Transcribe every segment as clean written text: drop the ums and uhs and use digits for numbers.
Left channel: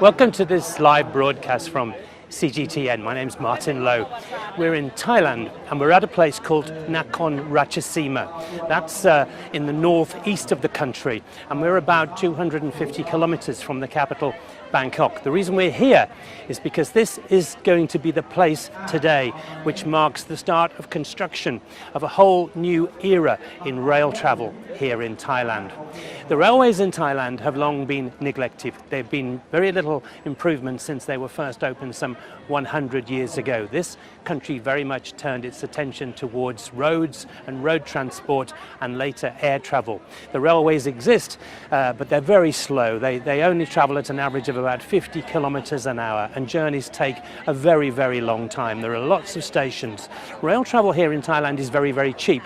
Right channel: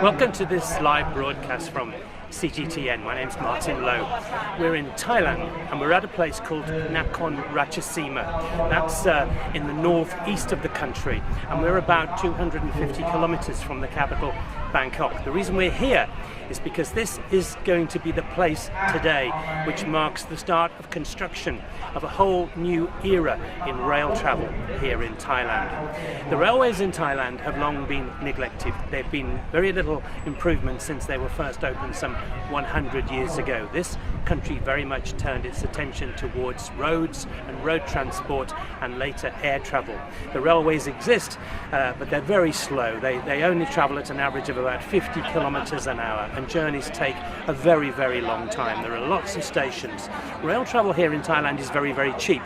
Welcome to this live broadcast from CGTN. My name's Martin Lowe. We're in Thailand and we're at a place called Nakhon Ratchasima. That's in the northeast of the country, and we're about 250 kilometers from the capital, Bangkok. The reason we're here is because this is going to be the place today which marks the start of construction of a whole new era in rail travel here in Thailand. The railways in Thailand have long been neglected. There've been very little improvement since they were first opened some 100 years ago. This country very much turned its attention towards roads and road transport and later air travel. The railways exist, but they're very slow. They only travel at an average of about 50 kilometers an hour, and journeys take a very, very long time. There are lots of stations. Rail travel here in Thailand is very, very cheap,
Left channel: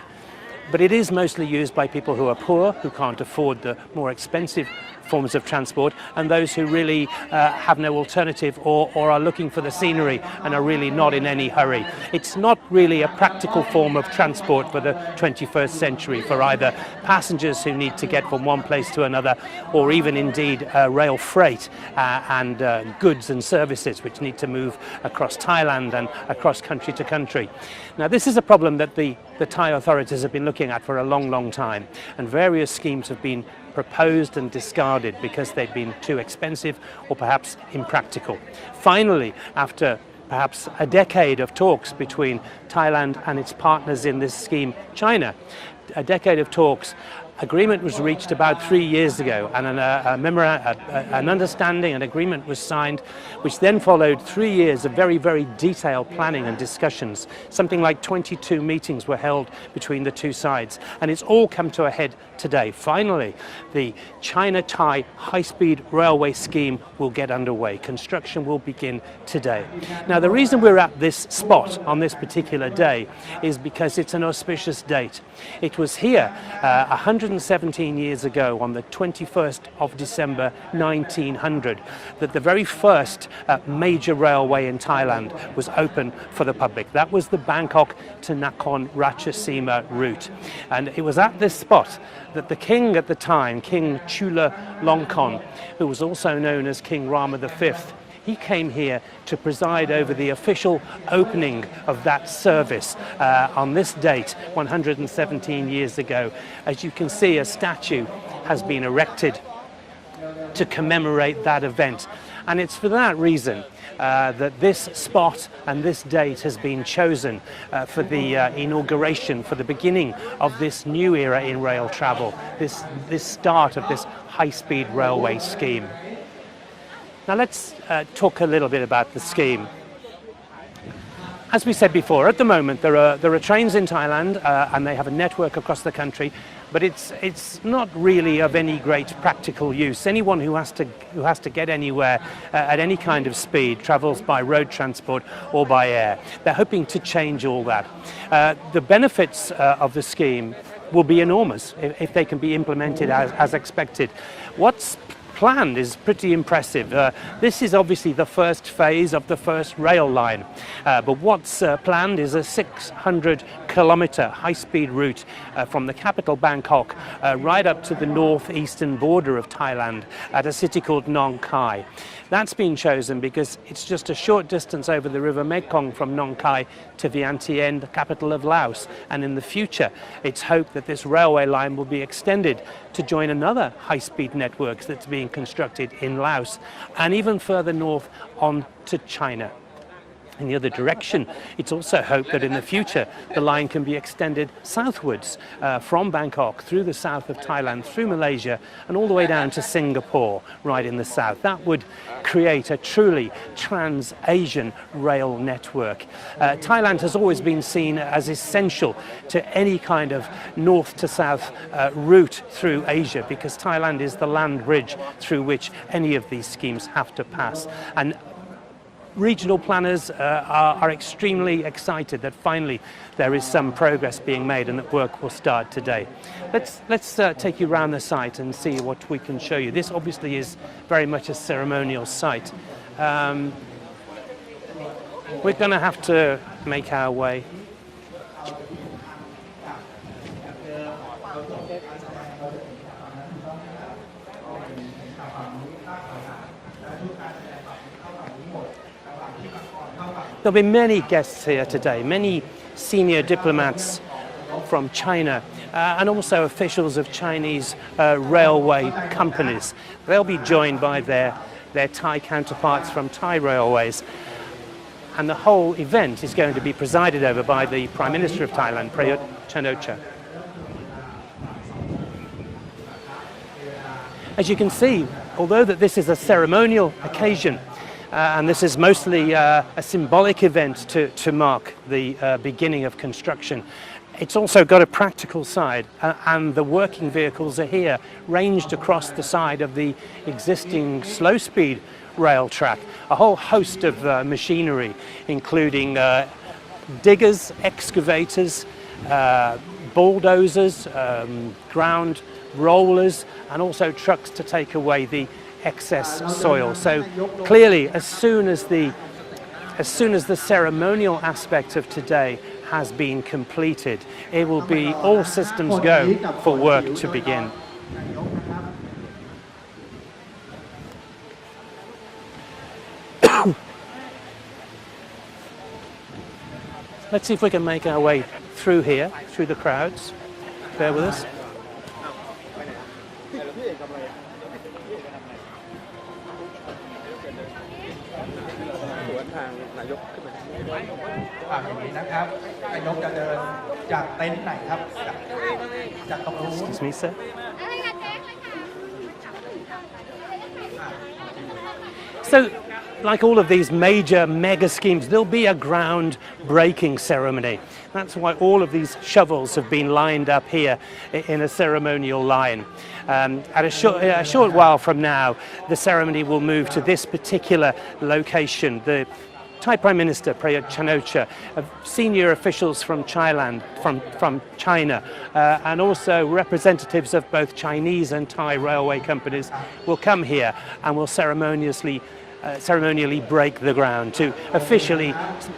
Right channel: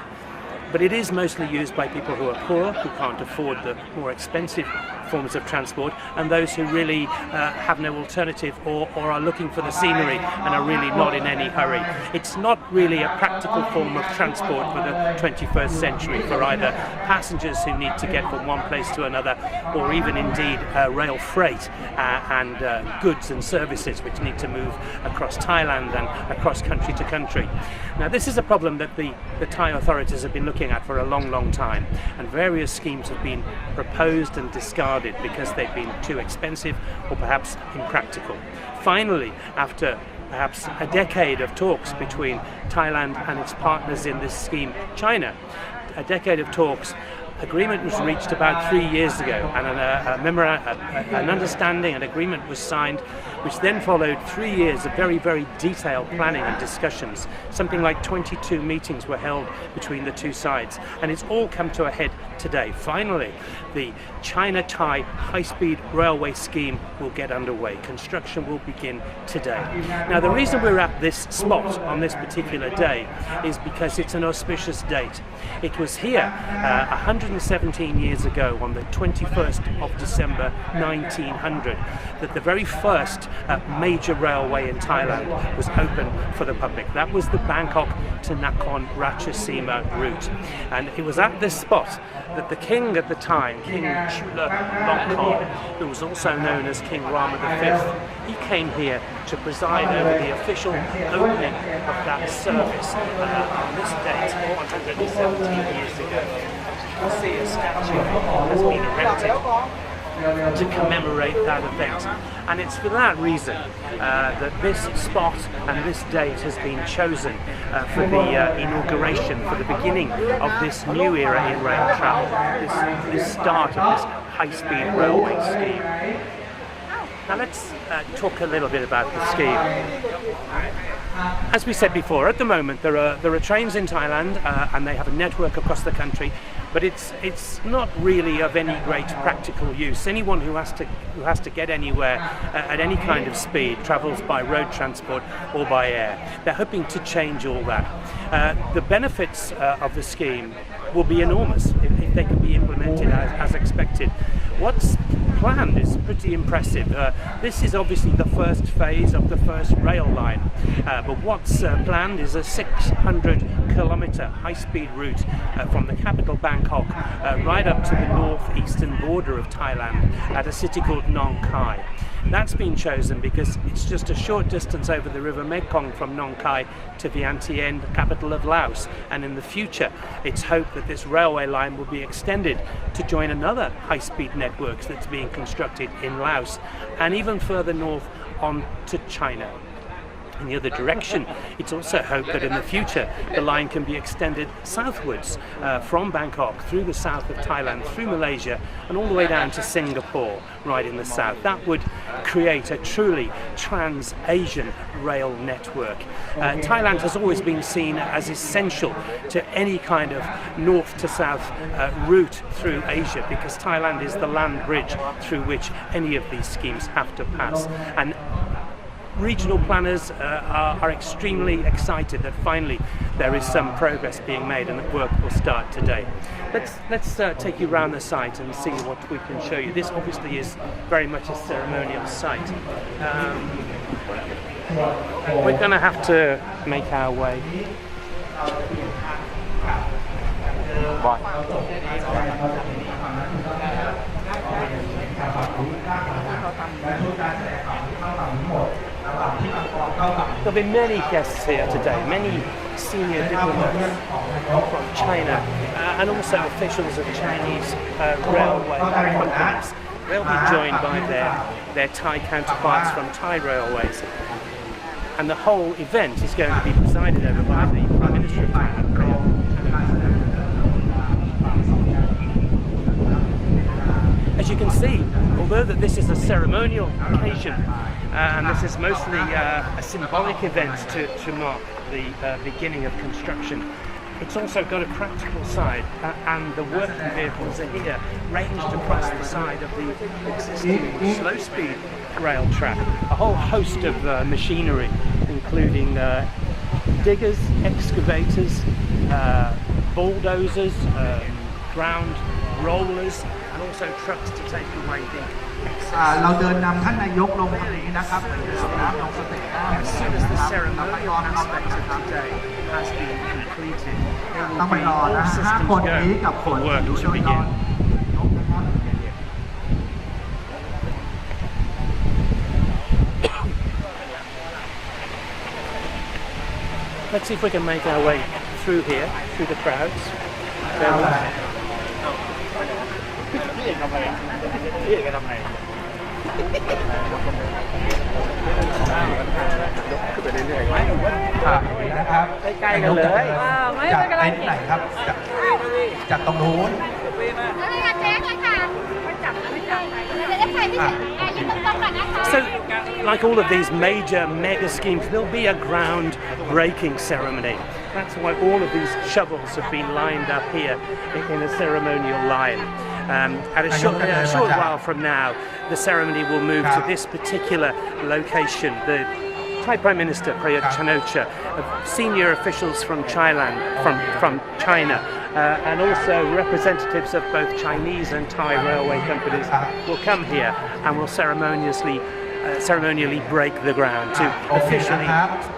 but it is mostly used by people who are poor, who can't afford the more expensive forms of transport, and those who really have no alternative or are looking for the scenery and are really not in any hurry. It's not really a practical form of transport for the 21st century for either passengers who need to get from one place to another, or even indeed rail freight and goods and services which need to move across Thailand and across country to country. Now, this is a problem that the Thai authorities have been looking at for a long, long time, and various schemes have been proposed and discarded because they've been too expensive or perhaps impractical. Finally, after perhaps a decade of talks between Thailand and its partners in this scheme, China, a decade of talks, agreement was reached about 3 years ago, and an understanding, an agreement was signed, which then followed 3 years of very, very detailed planning and discussions. Something like 22 meetings were held between the two sides, and it's all come to a head today. Finally, the China-Thai high-speed railway scheme will get underway. Construction will begin today. Now, the reason we're at this spot on this particular day is because it's an auspicious date. It was here 117 years ago, on the 21st of December 1900, that the very first major railway in Thailand was open for the public. That was the Bangkok to Nakhon Ratchasima route. And it was at this spot that the king at the time, King Chulalongkorn, who was also known as King Rama V, he came here to preside over the official opening of that service on this date 117 years ago. As you can see, a statue has been erected to commemorate that event, and it's for that reason that this spot and this date has been chosen for the inauguration, for the beginning of this new era in rail travel, this start of this high-speed railway scheme. Now let's talk a little bit about the scheme. As we said before, at the moment there are trains in Thailand and they have a network across the country, but it's not really of any great practical use. Anyone who has to get anywhere at any kind of speed travels by road transport or by air. They're hoping to change all that. The benefits of the scheme will be enormous if they can be implemented as expected. What's planned is pretty impressive. This is obviously the first phase of the first rail line, but what's planned is a 600-kilometer high-speed route from the capital Bangkok right up to the northeastern border of Thailand at a city called Nong Khai. That's been chosen because it's just a short distance over the river Mekong from Nong Khai to Vientiane, the capital of Laos, and in the future it's hoped that this railway line will be extended to join another high-speed network that's being constructed in Laos and even further north on to China. In the other direction, it's also hoped that in the future the line can be extended southwards from Bangkok through the south of Thailand, through Malaysia, and all the way down to Singapore, right in the south. That would create a truly trans-Asian rail network. Thailand has always been seen as essential to any kind of north to south route through Asia, because Thailand is the land bridge through which any of these schemes have to pass. And regional planners are extremely excited that finally there is some progress being made and that work will start today. Let's take you around the site and see what we can show you. This obviously is very much a ceremonial site. We're going to have to make our way. There'll be many guests here today, many senior diplomats from China and also officials of Chinese railway companies. They'll be joined by their Thai counterparts from Thai railways. And the whole event is going to be presided over by the Prime Minister of Thailand, Prayuth. As you can see, although that this is a ceremonial occasion, and this is mostly a symbolic event to mark the beginning of construction, it's also got a practical side, and the working vehicles are here, ranged across the side of the existing slow-speed rail track. A whole host of machinery, including diggers, excavators, bulldozers, ground rollers, and also trucks to take away the excess soil. So clearly, as soon as the ceremonial aspect of today has been completed, it will be all systems go for work to begin. Let's see if we can make our way through here, through the crowds. Bear with us. So, like all of these major mega schemes, there'll be a ground-breaking ceremony. That's why all of these shovels have been lined up here in a ceremonial line. At a short while from now, the ceremony will move to this particular location. The Thai Prime Minister Prayuth, senior officials from Thailand, from China, and also representatives of both Chinese and Thai railway companies will come here and will ceremonially break the ground to officially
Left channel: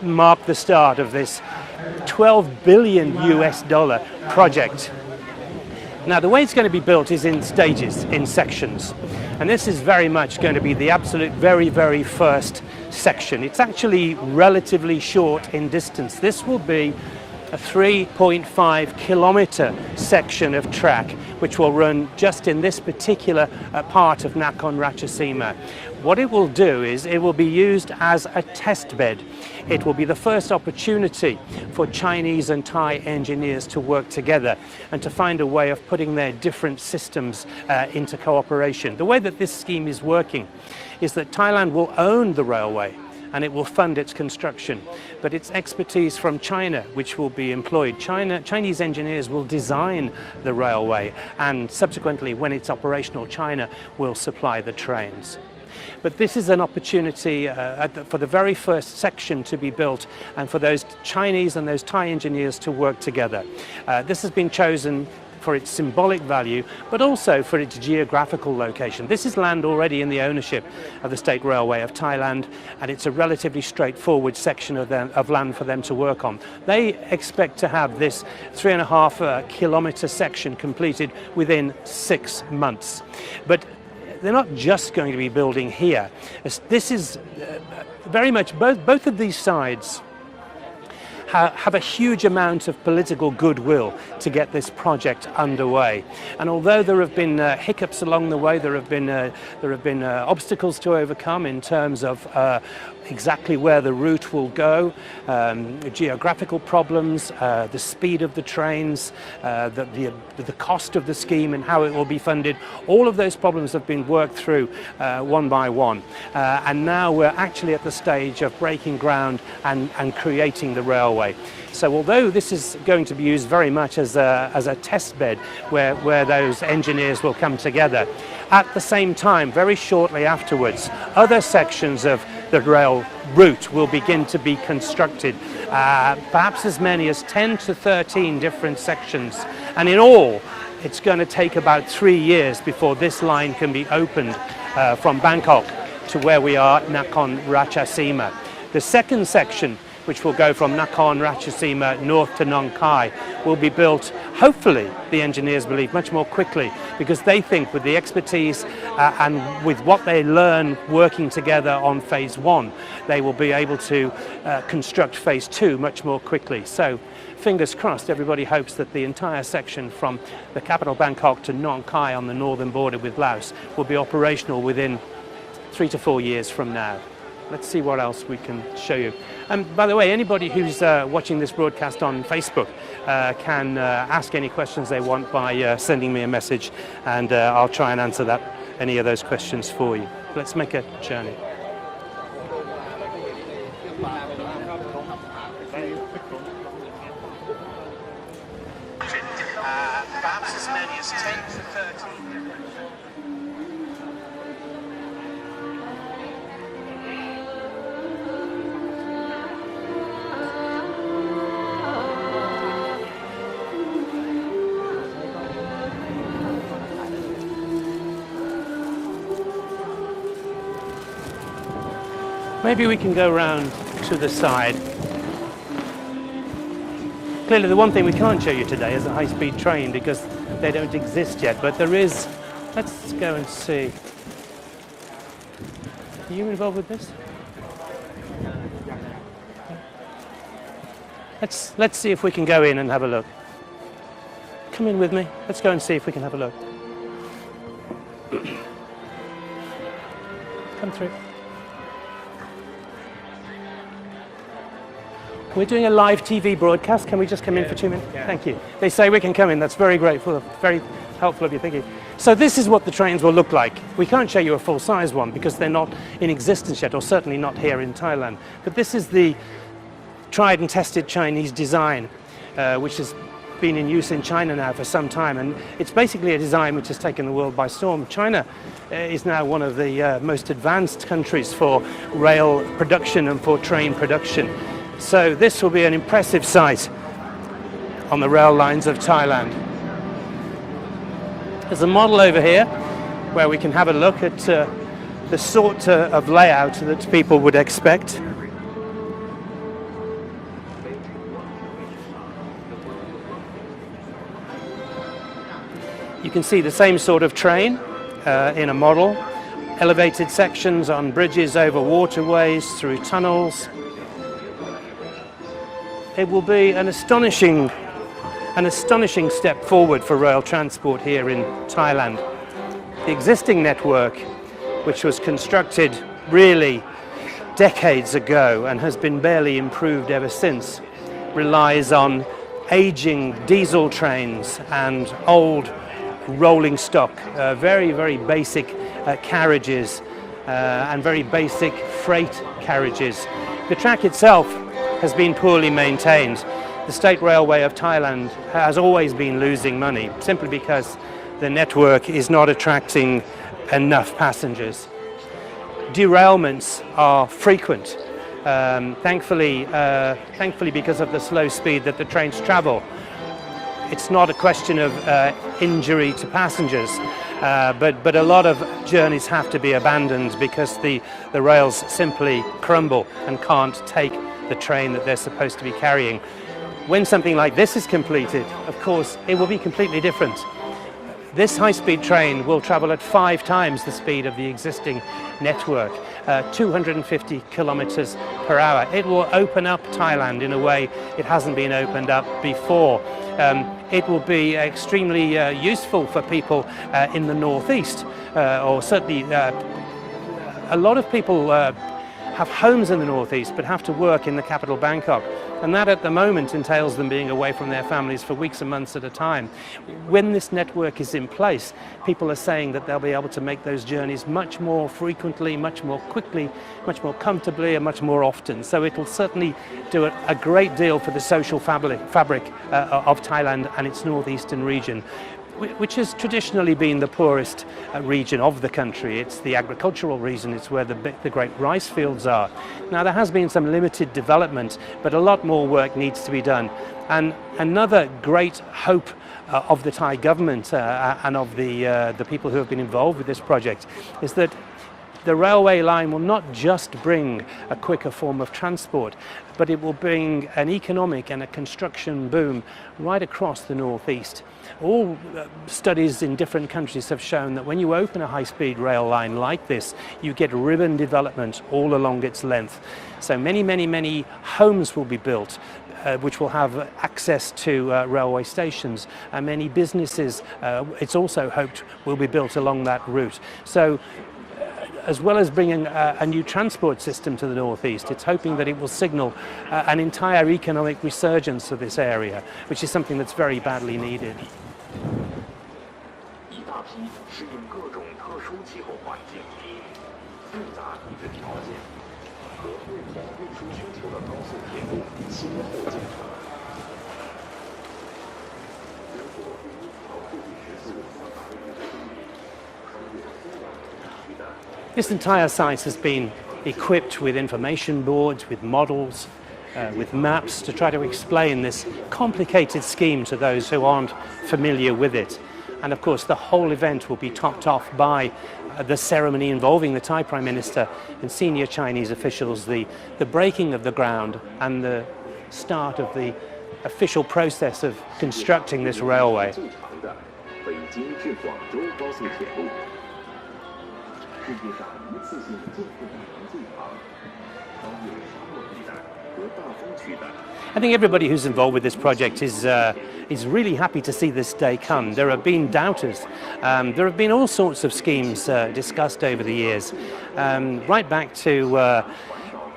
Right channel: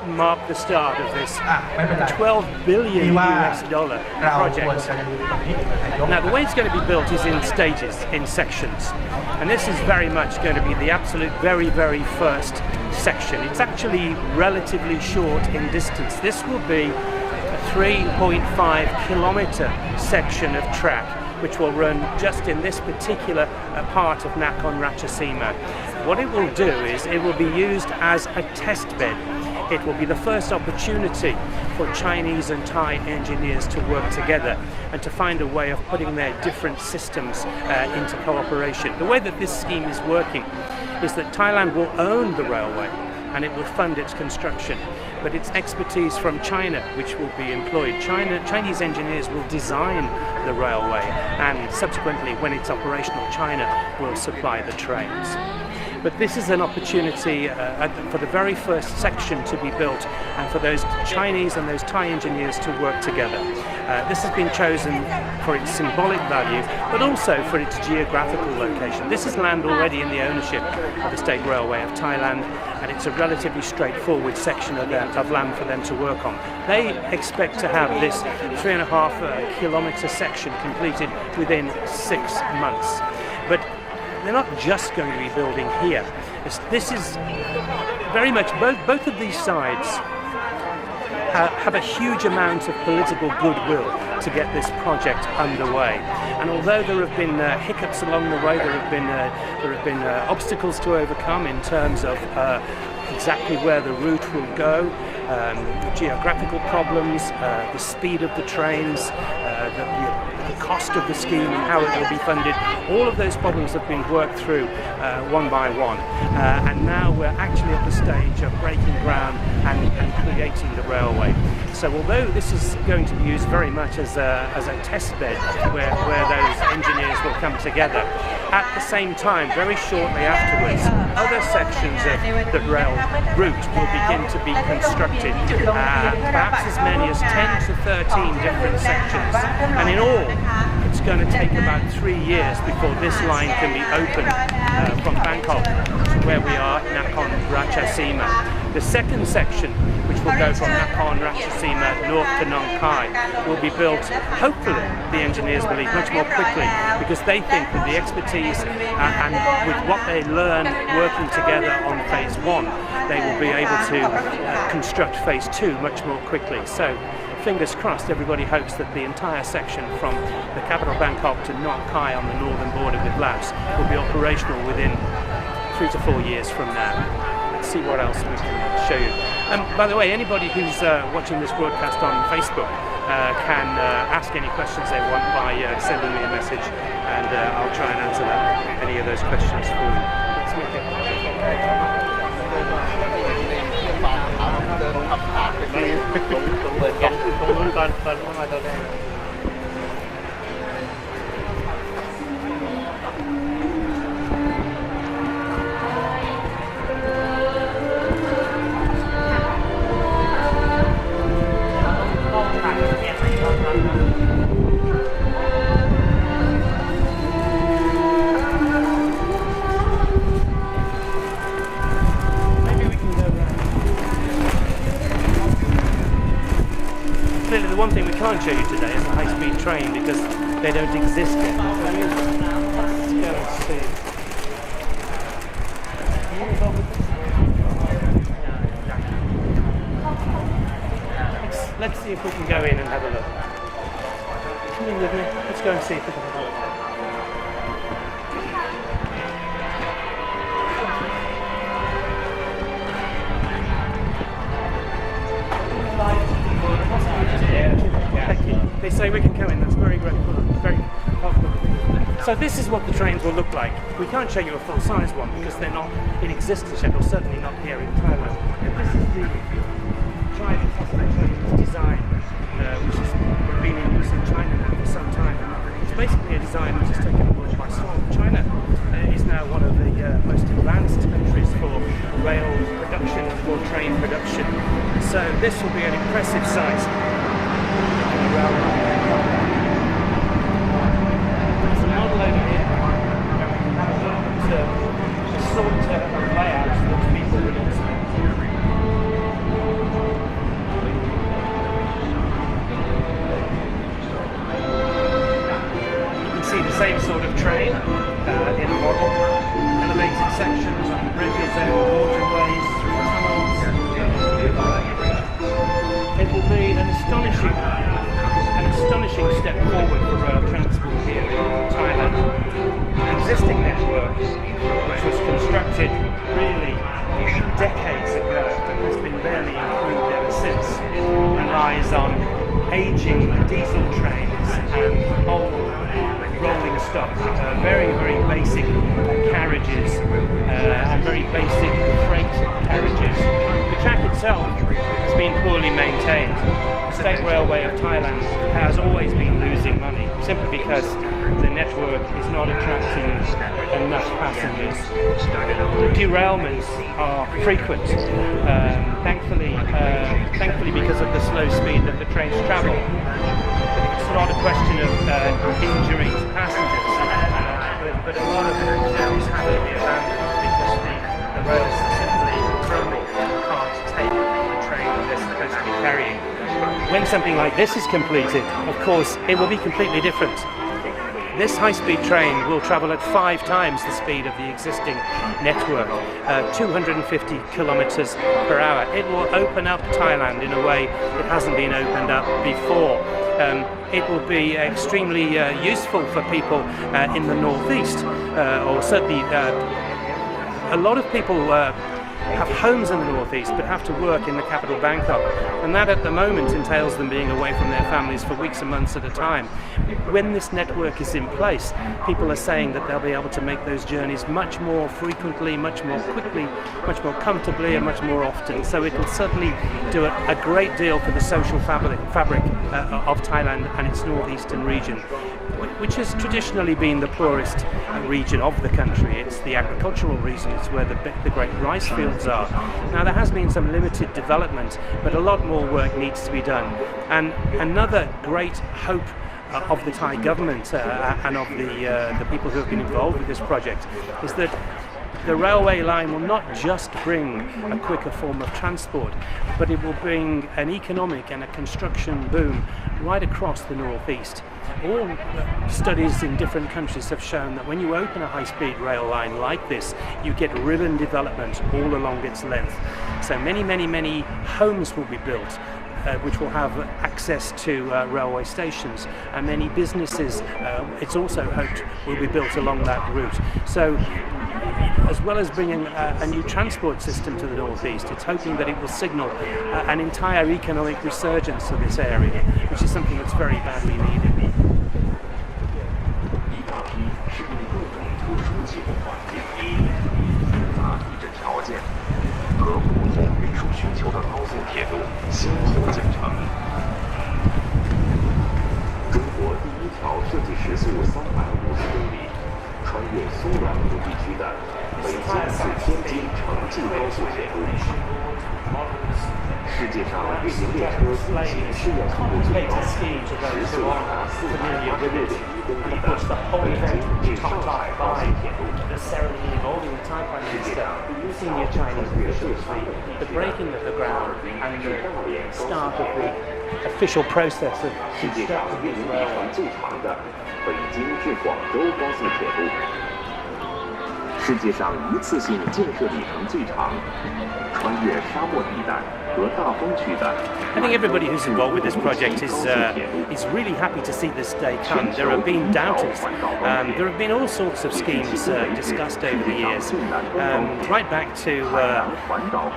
mark the start of this $12 billion project. Now, the way it's going to be built is in stages, in sections. And this is very much going to be the absolute very first section. It's actually relatively short in distance. This will be a 3.5 kilometer section of track, which will run just in this particular part of Nakhon Ratchasima. What it will do is it will be used as a test bed. It will be the first opportunity for Chinese and Thai engineers to work together and to find a way of putting their different systems into cooperation. The way that this scheme is working is that Thailand will own the railway and it will fund its construction, but it's expertise from China which will be employed. Chinese engineers will design the railway, and subsequently, when it's operational, China will supply the trains. But this is an opportunity for the very first section to be built and for those Chinese and those Thai engineers to work together. This has been chosen for its symbolic value, but also for its geographical location. This is land already in the ownership of the State Railway of Thailand, and it's a relatively straightforward section of land for them to work on. They expect to have this 3.5 kilometer section completed within 6 months. But they're not just going to be building here. This is very much, both of these sides have a huge amount of political goodwill to get this project underway. And although there have been hiccups along the way, there have been obstacles to overcome in terms of exactly where the route will go, the geographical problems, the speed of the trains, the cost of the scheme and how it will be funded. All of those problems have been worked through one by one, and now we're actually at the stage of breaking ground and creating the railway. So although this is going to be used very much as a test bed where those engineers will come together, at the same time, very shortly afterwards, other sections of the rail route will begin to be constructed, perhaps as many as 10 to 13 different sections, and in all it's going to take about 3 years before this line can be opened from Bangkok to where we are, Nakhon Ratchasima. The second section, which will go from Nakhon Ratchasima north to Nong Khai, will be built, hopefully, the engineers believe, much more quickly, because they think with the expertise and with what they learn working together on phase 1, they will be able to construct phase 2 much more quickly. So, fingers crossed, everybody hopes that the entire section from the capital Bangkok to Nong Khai on the northern border with Laos will be operational within 3 to 4 years from now. Let's see what else we can show you. By the way, anybody who's watching this broadcast on Facebook can ask any questions they want by sending me a message, and I'll try and answer any of those questions for you. Let's make a journey. Maybe we can go round to the side. Clearly the one thing we can't show you today is a high-speed train because they don't exist yet, but there is. Let's go and see. Are you involved with this? Let's see if we can go in and have a look. Come in with me. Let's go and see if we can have a look. We're doing a live TV broadcast. Can we just come in for 2 minutes? Thank you. They say we can come in. That's very grateful. Very helpful of you. Thank you. So this is what the trains will look like. We can't show you a full-size one because they're not in existence yet, or certainly not here in Thailand. But this is the tried and tested Chinese design, which has been in use in China now for some time. And it's basically a design which has taken the world by storm. China is now one of the most advanced countries for rail production and for train production. So this will be an impressive sight on the rail lines of Thailand. There's a model over here where we can have a look at the sort of layout that people would expect. You can see the same sort of train in a model. Elevated sections on bridges over waterways, through tunnels. It will be an astonishing step forward for rail transport here in Thailand. The existing network, which was constructed really decades ago and has been barely improved ever since, relies on aging diesel trains and old rolling stock, very, very basic carriages and very basic freight carriages. The track itself has been poorly maintained. The State Railway of Thailand has always been losing money simply because the network is not attracting enough passengers. Derailments are frequent, thankfully because of the slow speed that the trains travel. It's not a question of injury to passengers, but a lot of journeys have to be abandoned because the rails simply crumble and can't take the train that they're supposed to be carrying. When something like this is completed, of course, it will be completely different. This high-speed train will travel at 5 times the speed of the existing network, 250 kilometers per hour. It will open up Thailand in a way it hasn't been opened up before. It will be extremely useful for people in the northeast, or certainly a lot of people have homes in the northeast but have to work in the capital Bangkok, and that at the moment entails them being away from their families for weeks and months at a time. When this network is in place, people are saying that they'll be able to make those journeys much more frequently, much more quickly, much more comfortably and much more often. So it will certainly do a great deal for the social fabric of Thailand and its northeastern region, which has traditionally been the poorest region of the country. It's the agricultural region, it's where the great rice fields are. Now there has been some limited development, but a lot more work needs to be done. And another great hope of the Thai government and of the people who have been involved with this project is that the railway line will not just bring a quicker form of transport, but it will bring an economic and a construction boom right across the northeast. All studies in different countries have shown that when you open a high-speed rail line like this, you get ribbon development all along its length. So many homes will be built, which will have access to railway stations, and many businesses, it's also hoped, will be built along that route. So as well as bringing a new transport system to the northeast, it's hoping that it will signal an entire economic resurgence of this area, which is something that's very badly needed. This entire site has been equipped with information boards, with models, with maps to try to explain this complicated scheme to those who aren't familiar with it. And of course the whole event will be topped off by the ceremony involving the Thai Prime Minister and senior Chinese officials, the breaking of the ground and the start of the official process of constructing this railway. 世界上一次性建设里程最长，穿越沙漠地带和大风区的。I think everybody who's involved with this project is really happy to see this day come. There have been doubters. There have been all sorts of schemes discussed over the years, right back to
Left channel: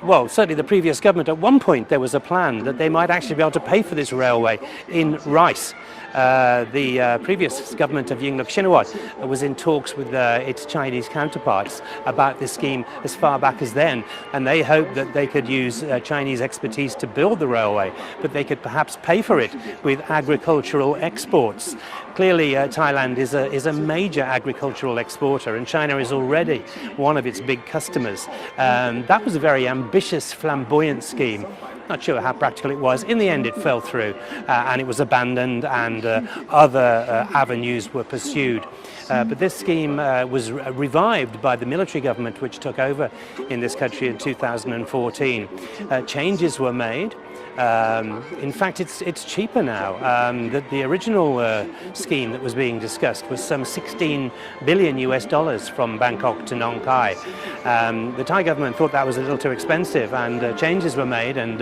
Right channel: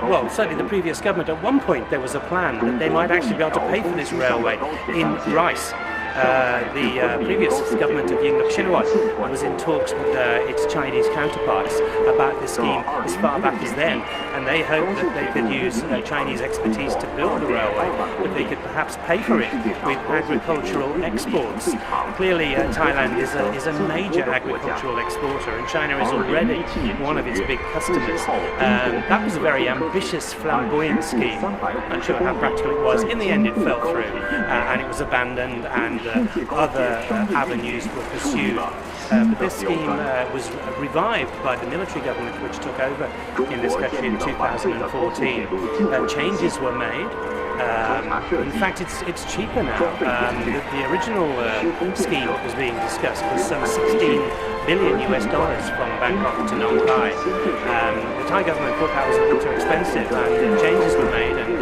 well, certainly the previous government. At one point, there was a plan that they might actually be able to pay for this railway in rice. The previous government of Yingluck Shinawat was in talks with its Chinese counterparts about this scheme as far back as then, and they hoped that they could use Chinese expertise to build the railway, but they could perhaps pay for it with agricultural exports. Clearly, Thailand is a major agricultural exporter, and China is already one of its big customers. That was a very ambitious, flamboyant scheme. Not sure how practical it was. In the end, it fell through, and it was abandoned, and other avenues were pursued. But this scheme was revived by the military government which took over in this country in 2014. Changes were made. In fact, it's cheaper now. The original scheme that was being discussed was some $16 billion from Bangkok to Nong Khai. The Thai government thought that was a little too expensive, and changes were made, and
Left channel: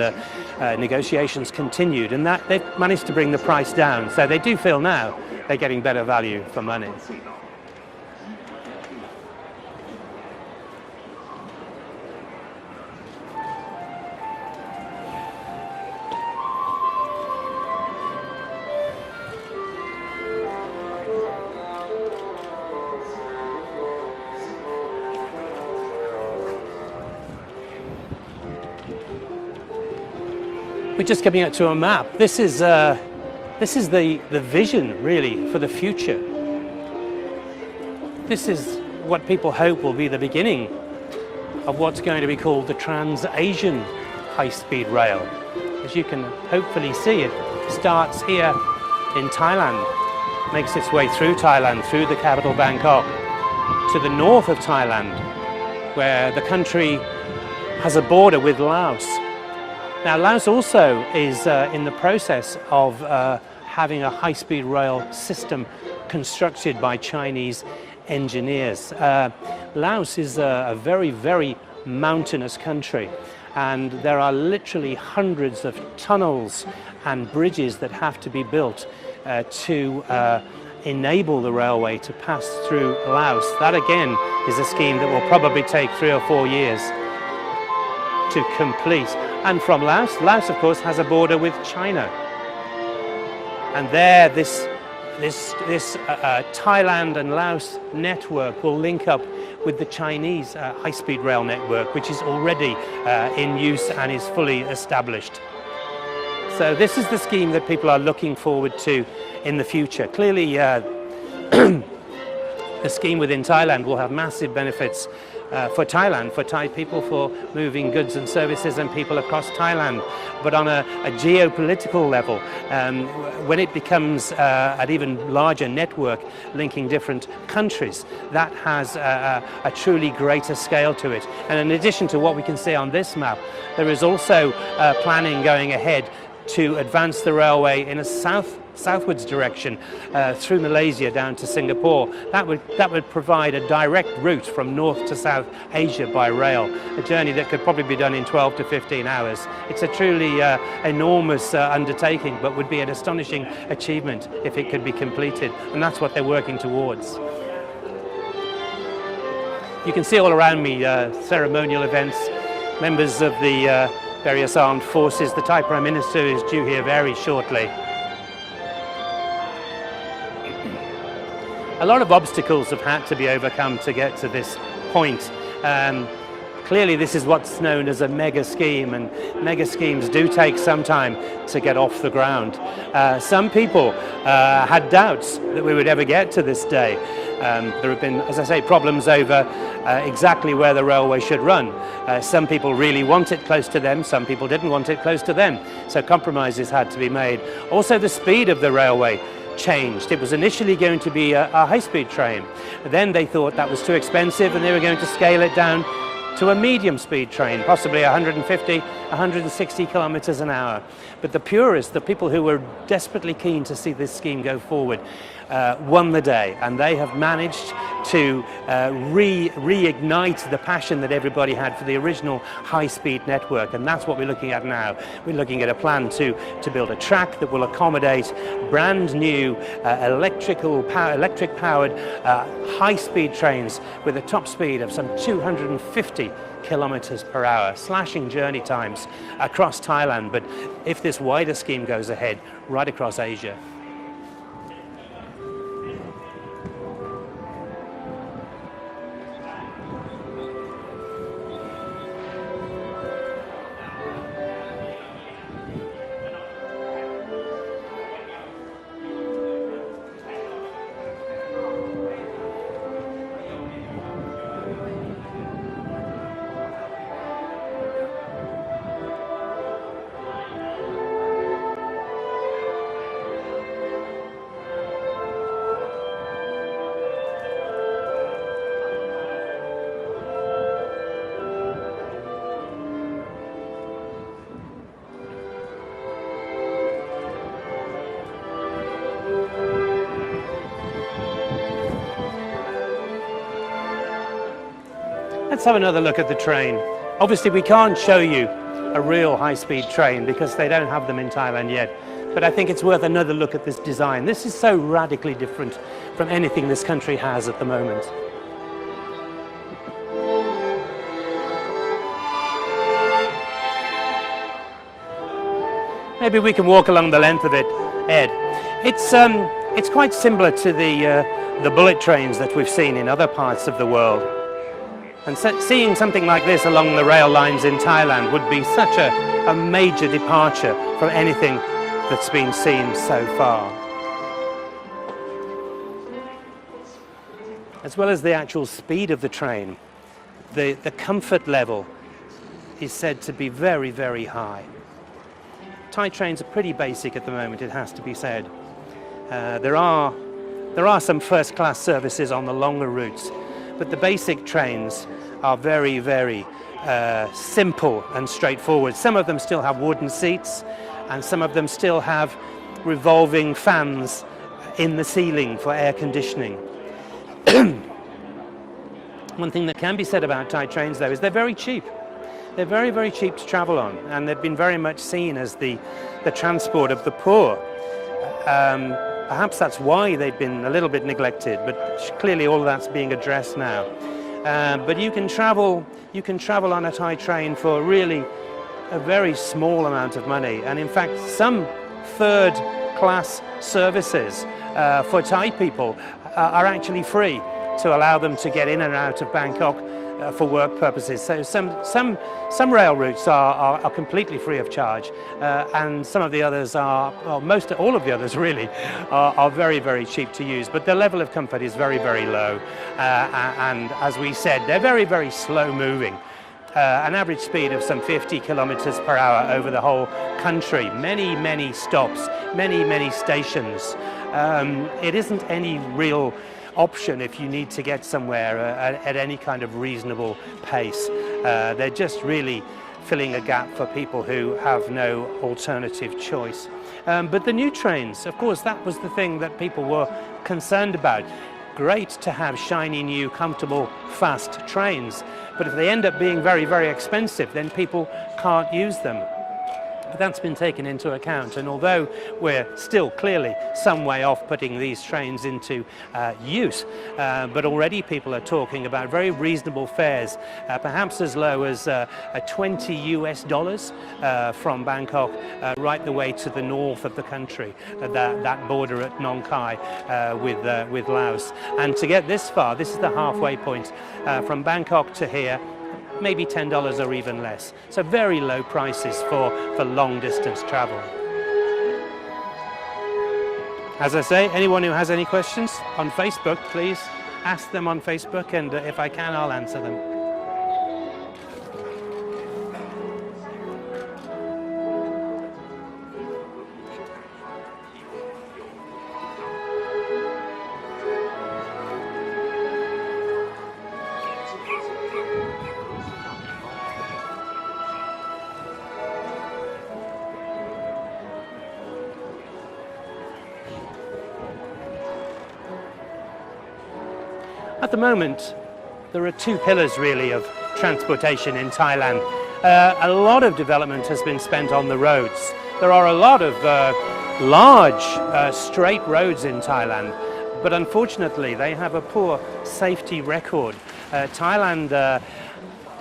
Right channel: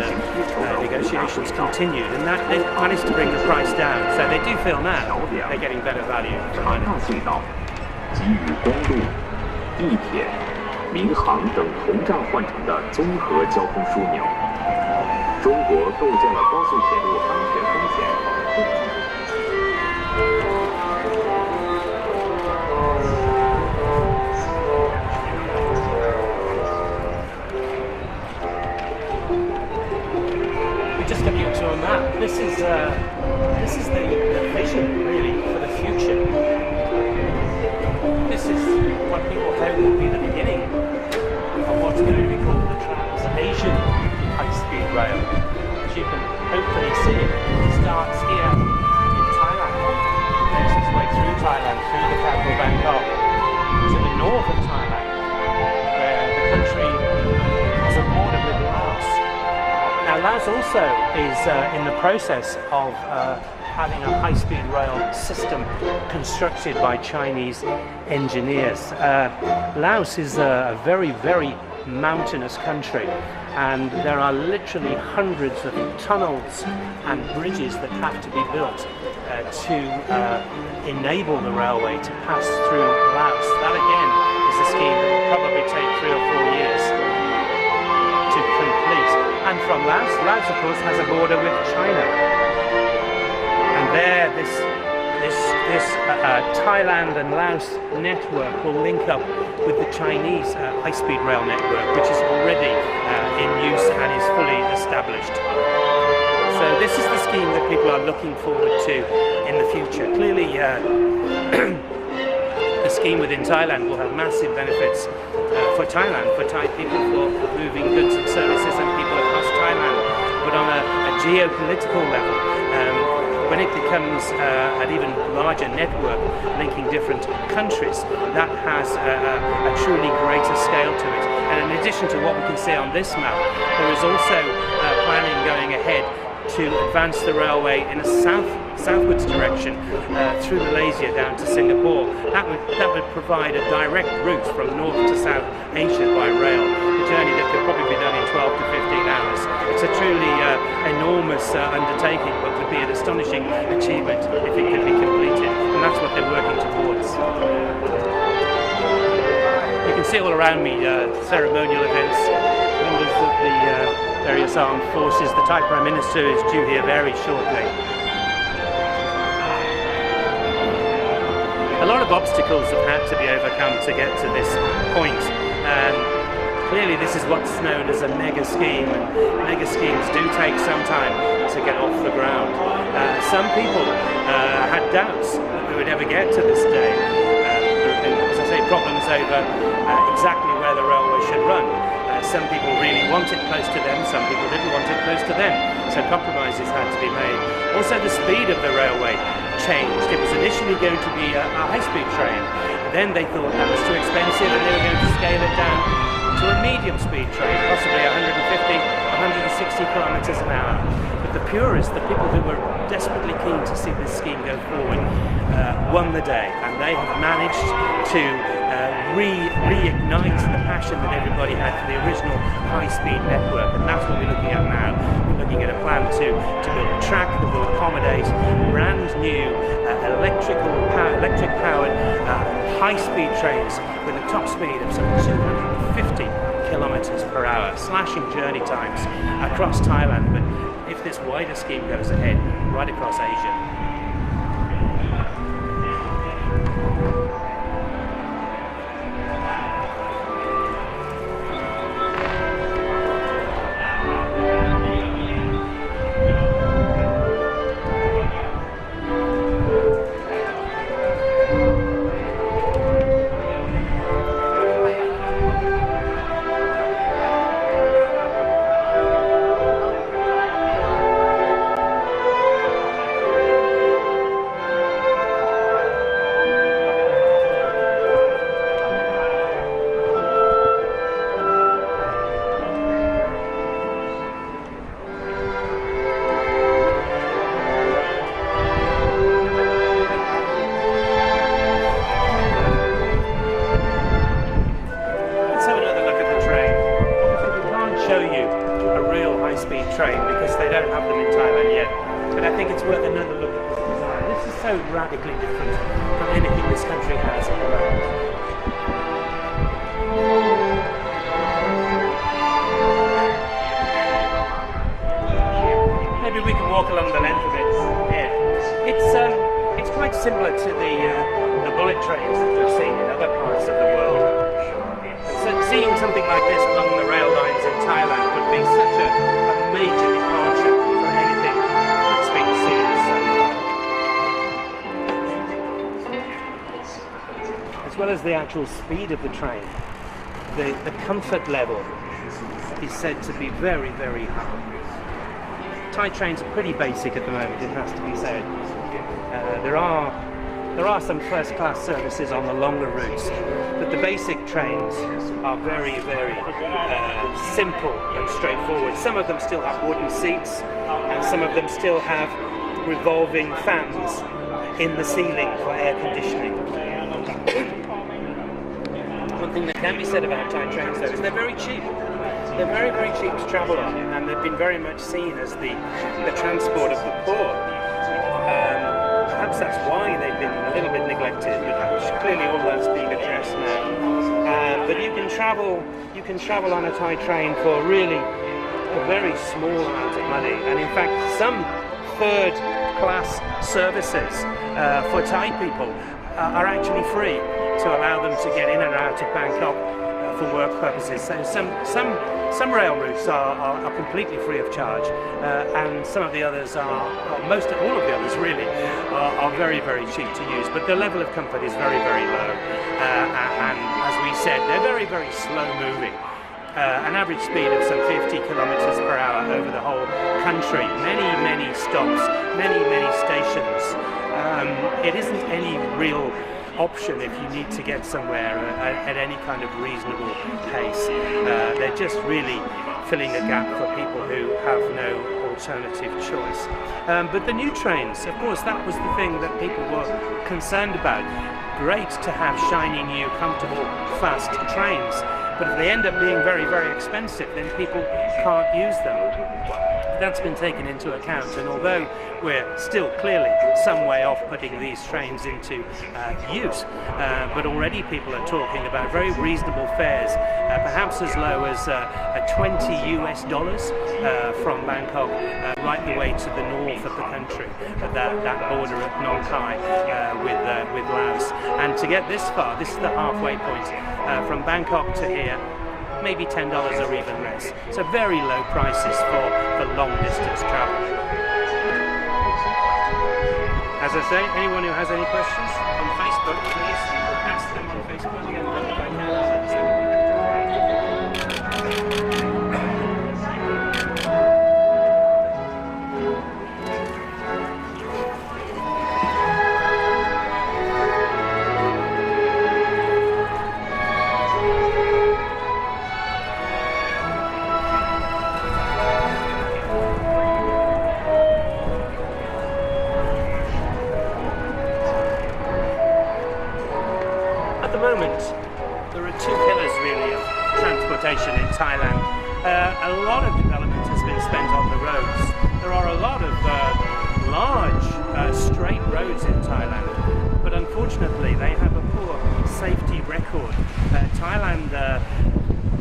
negotiations continued, and that they've managed to bring the price down. So they do feel now they're getting better value for money. 给予公路、地铁、民航等同站换乘的综合交通枢纽。中国构建了高速铁路安全风险。 We're just coming up to a map. This is the vision really for the future. This is what people hope will be the beginning of what's going to be called the Trans-Asian high-speed rail. As you can hopefully see, it starts here in Thailand, makes its way through Thailand, through the capital Bangkok, to the north of Thailand, where the country has a border with Laos. Now, Laos also is in the process of having a high-speed rail system constructed by Chinese engineers. Laos is a very, very mountainous country, and there are literally hundreds of tunnels and bridges that have to be built to enable the railway to pass through Laos. That again is a scheme that will probably take 3 or 4 years to complete. And from Laos, Laos of course has a border with China. And there this Thailand and Laos network will link up with the Chinese high-speed rail network, which is already in use and is fully established. So this is the scheme that people are looking forward to in the future. Clearly, the scheme within Thailand will have massive benefits for Thailand, for Thai people, for moving goods and services and people across Thailand. But on a geopolitical level, when it becomes an even larger network linking different countries, that has a truly greater scale to it. And in addition to what we can see on this map, there is also planning going ahead to advance the railway in a southwards direction through Malaysia down to Singapore. That would provide a direct route from North to South Asia by rail, a journey that could probably be done in 12 to 15 hours. It's a truly enormous undertaking, but would be an astonishing achievement if it could be completed, and that's what they're working towards. You can see all around me ceremonial events, members of the various armed forces. The Thai Prime Minister is due here very shortly. A lot of obstacles have had to be overcome to get to this point. Clearly this is what's known as a mega scheme, and mega schemes do take some time to get off the ground. Some people had doubts that we would ever get to this day. There have been, as I say, problems over exactly where the railway should run. Some people really want it close to them, some people didn't want it close to them, so compromises had to be made. Also, the speed of the railway changed. It was initially going to be a high-speed train, then they thought that was too expensive and they were going to scale it down to a medium-speed train, possibly 150, 160 kilometers an hour. But the purists, the people who were desperately keen to see this scheme go forward, won the day, and they have managed to reignite the passion that everybody had for the original high-speed network, and that's what we're looking at now. We're looking at a plan to build a track that will accommodate brand new electric-powered high-speed trains with a top speed of some 250 kilometers per hour, slashing journey times across Thailand, but if this wider scheme goes ahead, right across Asia. Let's have another look at the train. Obviously we can't show you a real high-speed train because they don't have them in Thailand yet, but I think it's worth another look at this design. This is so radically different from anything this country has at the moment. Maybe we can walk along the length of it, Ed. It's quite similar to the bullet trains that we've seen in other parts of the world. And seeing something like this along the rail lines in Thailand would be such a major departure from anything that's been seen so far. As well as the actual speed of the train, the comfort level is said to be very, very high. Thai trains are pretty basic at the moment, it has to be said. There are some first-class services on the longer routes, but the basic trains are very, very simple and straightforward. Some of them still have wooden seats, and some of them still have revolving fans in the ceiling for air conditioning. One thing that can be said about Thai trains, though, is they're very cheap. They're very, very cheap to travel on, and they've been very much seen as the transport of the poor. Perhaps that's why they've been a little bit neglected, but clearly all of that's being addressed now. But you can travel on a Thai train for really a very small amount of money, and in fact some third-class services for Thai people are actually free to allow them to get in and out of Bangkok for work purposes. So some rail routes are completely free of charge, and some of the others are, well, most all of the others really, are very, very cheap to use. But the level of comfort is very, very low, and as we said, they're very, very slow moving. An average speed of some 50 kilometers per hour over the whole country. Many stops, many stations. It isn't any real option if you need to get somewhere at any kind of reasonable pace. They're just really filling a gap for people who have no alternative choice. But the new trains, of course, that was the thing that people were concerned about. Great to have shiny, new, comfortable, fast trains, but if they end up being very, very expensive, then people can't use them. That's been taken into account, and although we're still clearly some way off putting these trains into use, but already people are talking about very reasonable fares, perhaps as low as $20 from Bangkok right the way to the north of the country, that border at Nong Khai with Laos. And to get this far, this is the halfway point from Bangkok to here, maybe $10 or even less. So very low prices for long distance travel. As I say, anyone who has any questions on Facebook, please ask them on Facebook, and if I can, I'll answer them. At the moment, there are two pillars really of transportation in Thailand. A lot of development has been spent on the roads. There are a lot of large straight roads in Thailand, but unfortunately they have a poor safety record. Thailand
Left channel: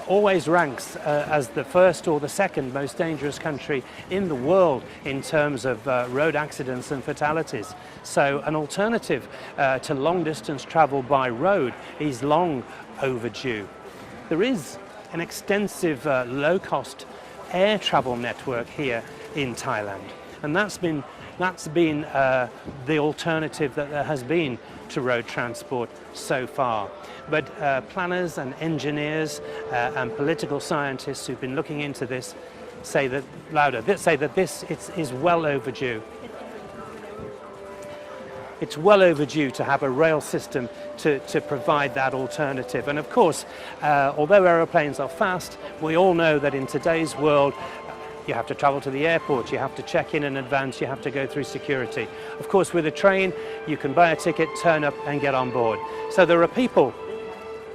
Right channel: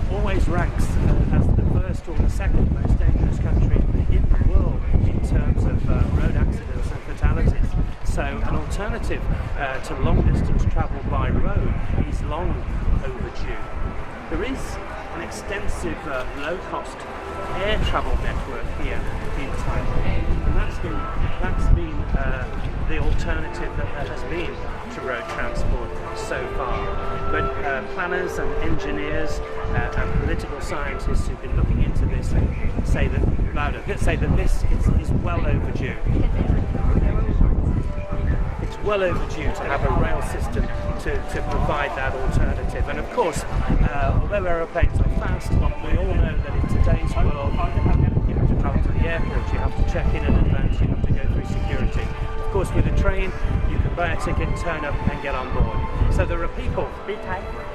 always ranks as the first or the second most dangerous country in the world in terms of road accidents and fatalities. So an alternative to long distance travel by road is long overdue. There is an extensive low-cost air travel network here in Thailand, and that's been the alternative that there has been to road transport so far. But planners and engineers and political scientists who've been looking into this say that this is well overdue. It's well overdue to have a rail system to provide that alternative. And of course, although aeroplanes are fast, we all know that in today's world you have to travel to the airport, you have to check in advance, you have to go through security. Of course, with a train, you can buy a ticket, turn up and get on board. So there are people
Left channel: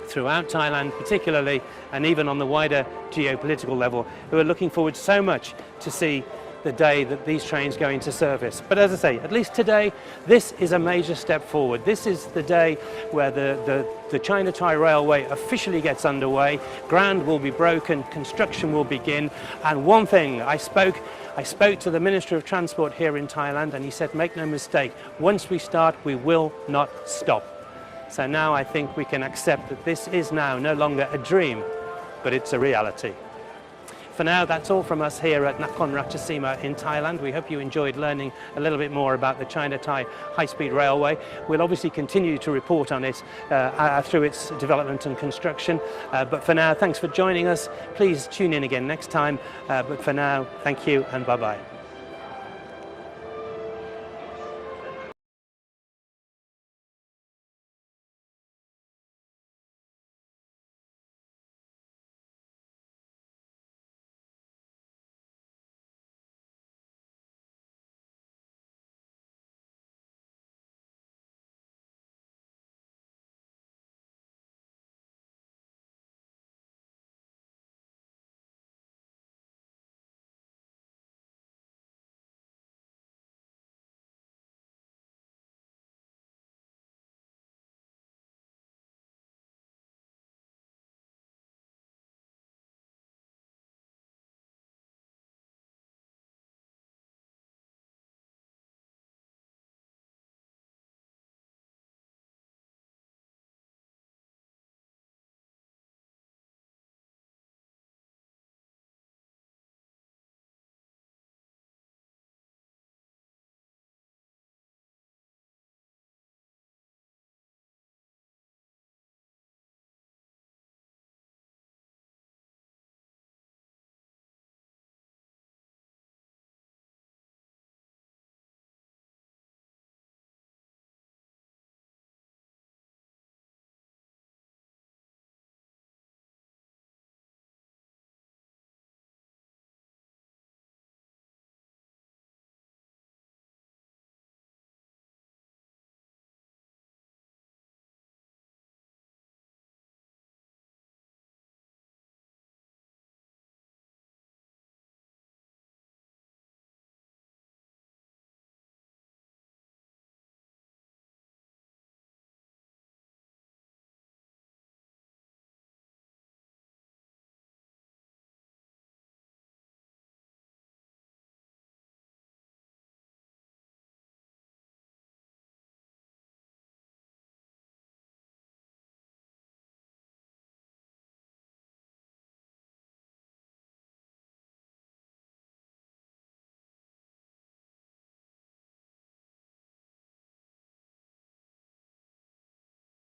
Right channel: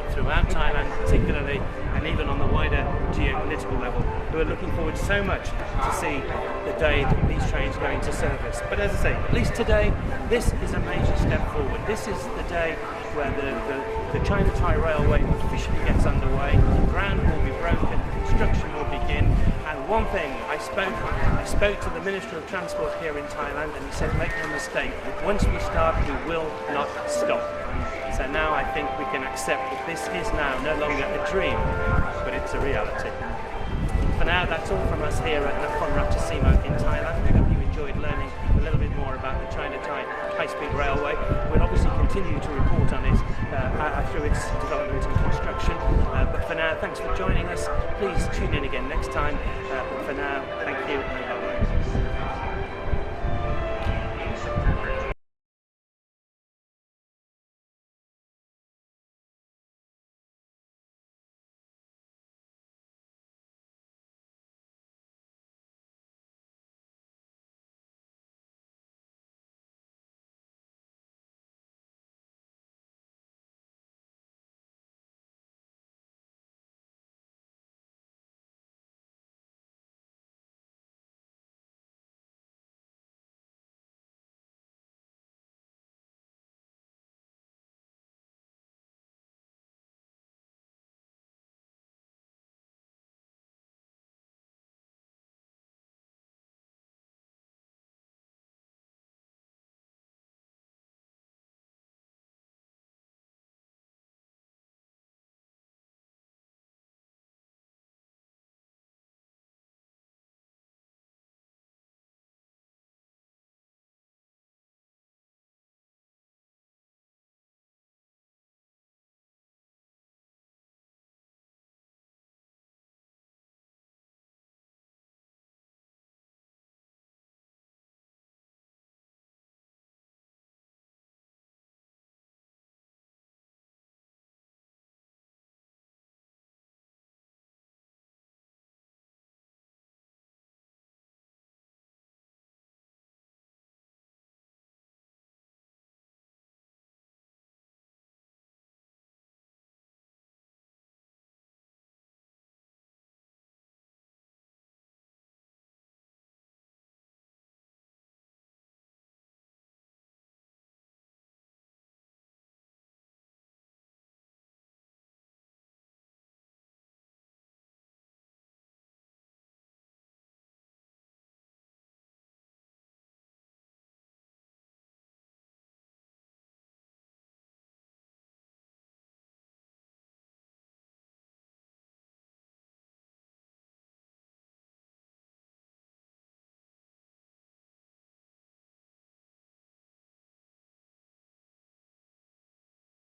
throughout Thailand particularly, and even on the wider geopolitical level, who are looking forward so much to see the day that these trains go into service. But as I say, at least today, this is a major step forward. This is the day where the China-Thai Railway officially gets underway. Ground will be broken, construction will begin, and one thing, I spoke to the Minister of Transport here in Thailand, and he said, make no mistake, once we start, we will not stop. So now I think we can accept that this is now no longer a dream, but it's a reality. For now, that's all from us here at Nakhon Ratchasima in Thailand. We hope you enjoyed learning a little bit more about the China-Thai high-speed railway. We'll obviously continue to report on it through its development and construction. But for now, thanks for joining us. Please tune in again next time. But for now, thank you and bye-bye.